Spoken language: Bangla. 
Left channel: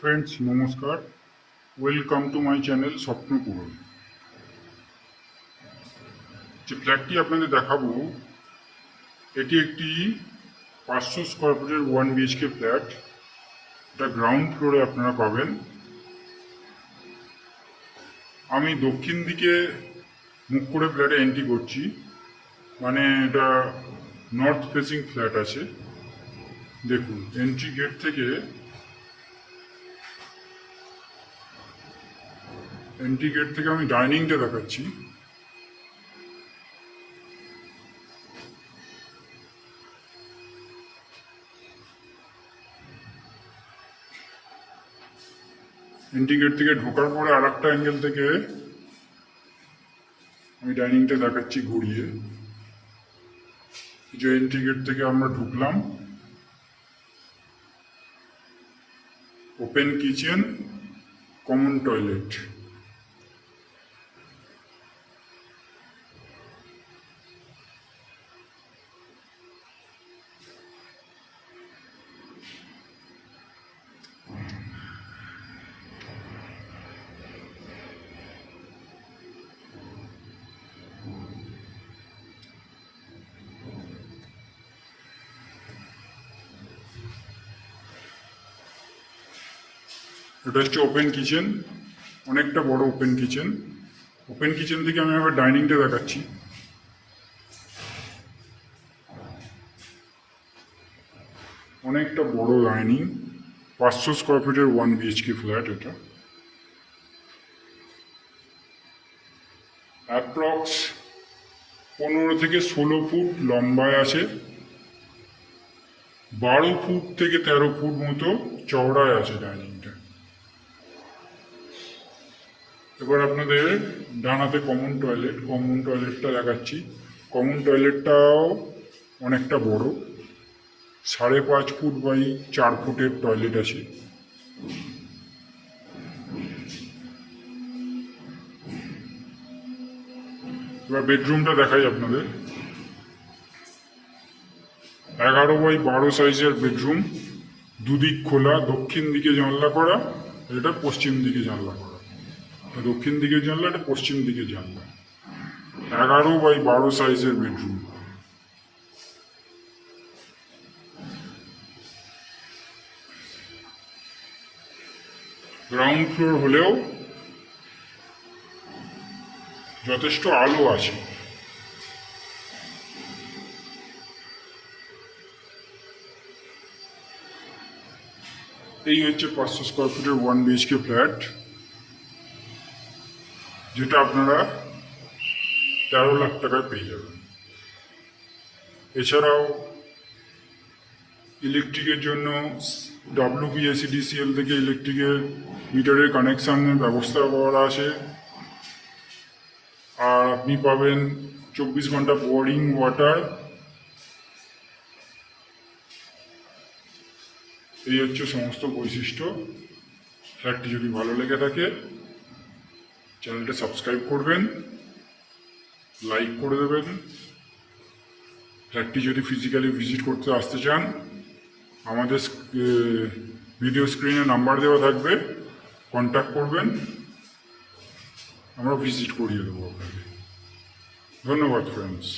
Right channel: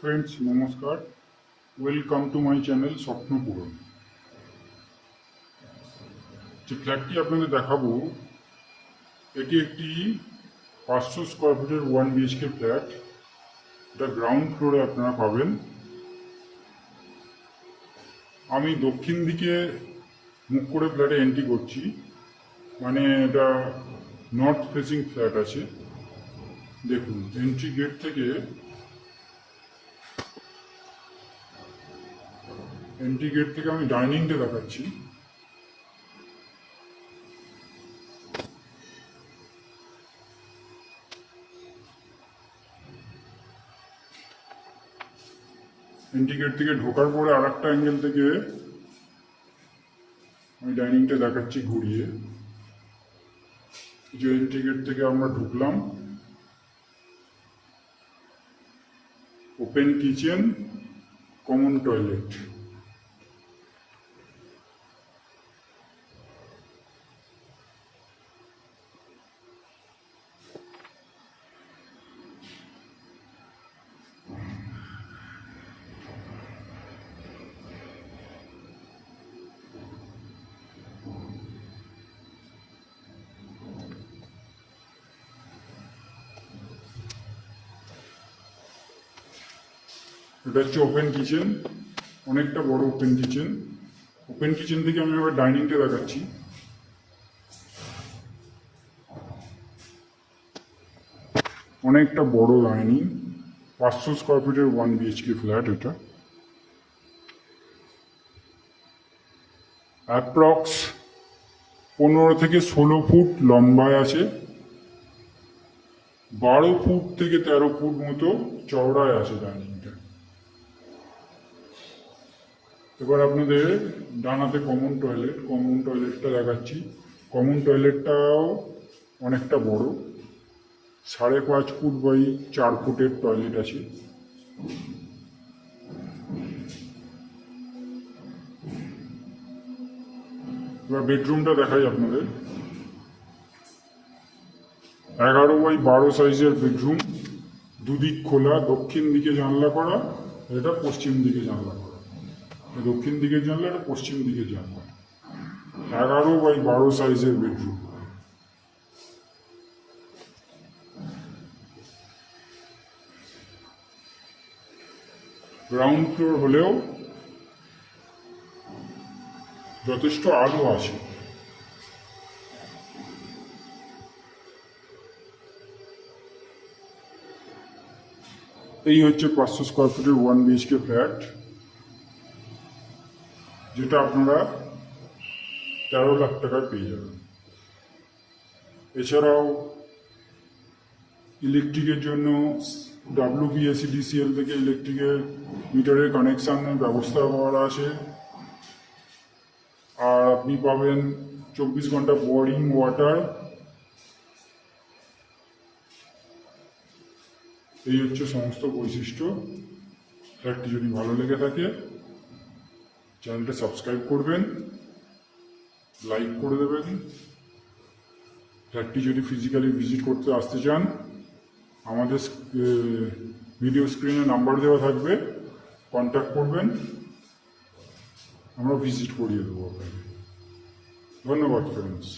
ফ্রেন্ডস নমস্কার, ওয়েলকাম টু মাই চ্যানেল স্বপ্ন পূরণ। যে ফ্ল্যাটটি আপনাদের দেখাবো এটি একটি 500 স্কোয়ার ফুটের 1 BHK ফ্ল্যাট। এটা গ্রাউন্ড ফ্লোরে আপনারা পাবেন। আমি দক্ষিণ দিকে মুখ করে ফ্ল্যাটে এন্ট্রি করছি, মানে এটা নর্থ ফেসিং ফ্ল্যাট আছে। দেখুন, এন্ট্রি গেট থেকে আমি ডাইনিংটা দেখাচ্ছি। এন্ট্রি গেট থেকে ঢোকার পরে আর একটা অ্যাঙ্গেল থেকে আমি ডাইনিংটা দেখাচ্ছি ঘুরিয়ে। যে এন্ট্রি গেট থেকে আমরা ঢুকলাম, ওপেন কিচেন, কমন টয়লেট। এটা হচ্ছে ওপেন কিচেন, অনেকটা বড় ওপেন কিচেন। ওপেন কিচেন থেকে আমি আবার ডাইনিংটা দেখাচ্ছি। অনেকটা বড় ডাইনিং, 500 স্কোয়ার ফিটের 1 BHK ফ্ল্যাট। এটা অ্যাপ্রক্স 15 থেকে 16 ফুট লম্বায় আছে, 12 ফুট থেকে 13 ফুট মতো চওড়ায় আছে ডাইনিংটা। এবার আপনাদের ডানাতে কমন টয়লেটটা দেখাচ্ছি। কমন টয়লেটটাও অনেকটা বড়, 5.5 ফুট বাই 4 ফুটের টয়লেট আছে। এবার বেডরুমটা দেখাই আপনাদের। 11 বাই 12 সাইজের বেডরুম, দুদিক খোলা, দক্ষিণ দিকে জানলা করা, এটা পশ্চিম দিকে জানলা করা। দক্ষিণ দিকে জানলা, এটা পশ্চিম দিকে জানলা। 11 বাই 12 সাইজের বেডরুম। গ্রাউন্ড ফ্লোর হলেও যথেষ্ট আলো আছে। এই হচ্ছে 500 স্কোয়ার ফুটের 1 BHK ফ্ল্যাট, যেটা আপনারা 13 লাখ টাকায় পেয়ে যাবেন। এছাড়াও ইলেকট্রিকের জন্য WBSEDCL থেকে ইলেকট্রিকের মিটারের কানেকশানের ব্যবস্থা করা আছে। আর আপনি পাবেন 24 ঘন্টা বোরিং ওয়াটার। এই হচ্ছে সমস্ত বৈশিষ্ট্য। ফ্ল্যাটটি যদি ভালো লেগে থাকে চ্যানেলটা সাবস্ক্রাইব করবেন, লাইক করে দেবেন। ফ্ল্যাটটি যদি ফিজিক্যালি ভিজিট করতে আসতে চান, আমাদের ভিডিও স্ক্রিনে নাম্বার দেওয়া থাকবে, কন্ট্যাক্ট করবেন, আমরা ভিজিট করিয়ে দেবো আপনাকে। ধন্যবাদ ফ্রেন্ডস।